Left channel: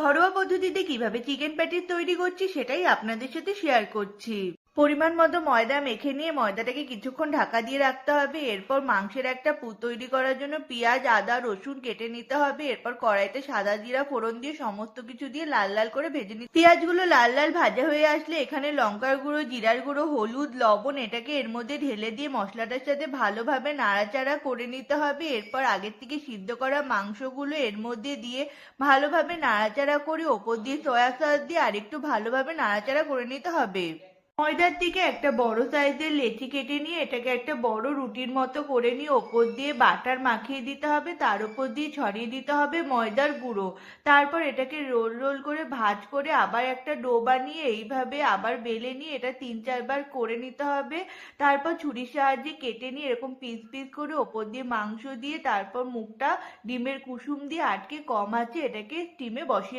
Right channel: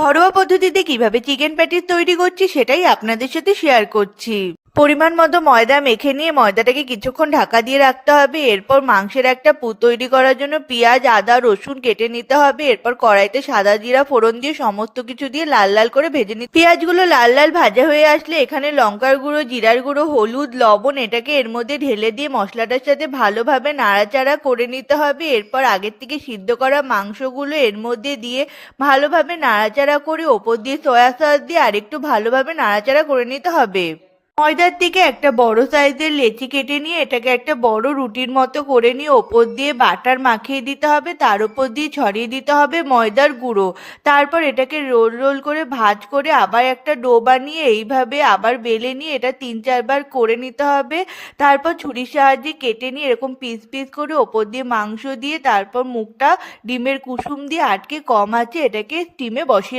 ঘরোয়া পদ্ধতিতে কিভাবে চিকেন প্যাটিস তৈরি করছি সেটাই আপনাদের সাথে শেয়ার করছি। পরিমাণ মতো ময়দা মেখে নিয়ে ময়দাটাকে কিছুক্ষণ ঢাকা দিয়ে রাখতে হবে। এরপর মাংসের একটা পুর তৈরি করার জন্য পেঁয়াজ, আদা, রসুন কেটে নিতে হবে। এরপর কড়াইতে সাদা জিরা ফোড়ন দিয়ে সমস্ত কিছু দিয়ে লাল লাল করে ভেজে নিতে। পেঁয়াজগুলো লাল লাল ভাজা হয়ে আসলে এখানে লঙ্কার গুঁড়ো, জিরার গুঁড়ো, হলুদ, লবণ এটাকে এর মধ্যে ঢেলে দিয়ে মশলাটার সাথে ভালোভাবে নাড়াচাড়া করে নিতে হবে। এরপর আগের থেকে সিদ্ধ করা মাংসগুলো এর মধ্যে দিয়ে ভালোভাবে নাড়াচাড়া করে ওপর দিয়ে সয়া সস দিয়ে আরেকটু ভালোভাবে নাড়াচাড়া করে নিতে হবে। ময়দার থেকে একটা বড় সাইজের লেচি কেটে নিয়ে এটাকে একটা বড় রুটির মতো করে নিয়ে ওপর দিয়ে বাটার মাখিয়ে দিতে হবে, তার উপর দিয়ে ছড়িয়ে দিতে হবে ময়দার গুঁড়ো। তারপর এটাকে রোল রোল করে ভাঁজ করে আবার একটা ডো বানিয়ে এইভাবে আবার বেলে নিয়ে এটা 3-4 বার করে নিতে হবে। তারপর ছুরির সাহায্যে কেটে নিয়ে এরকম পিস পিস করে ওপর দিয়ে মাংস দিয়ে তারপর মুখটা ডিমের কুসুম দিয়ে আটকে কম আঁচে এটাকে স্টিমে বসিয়ে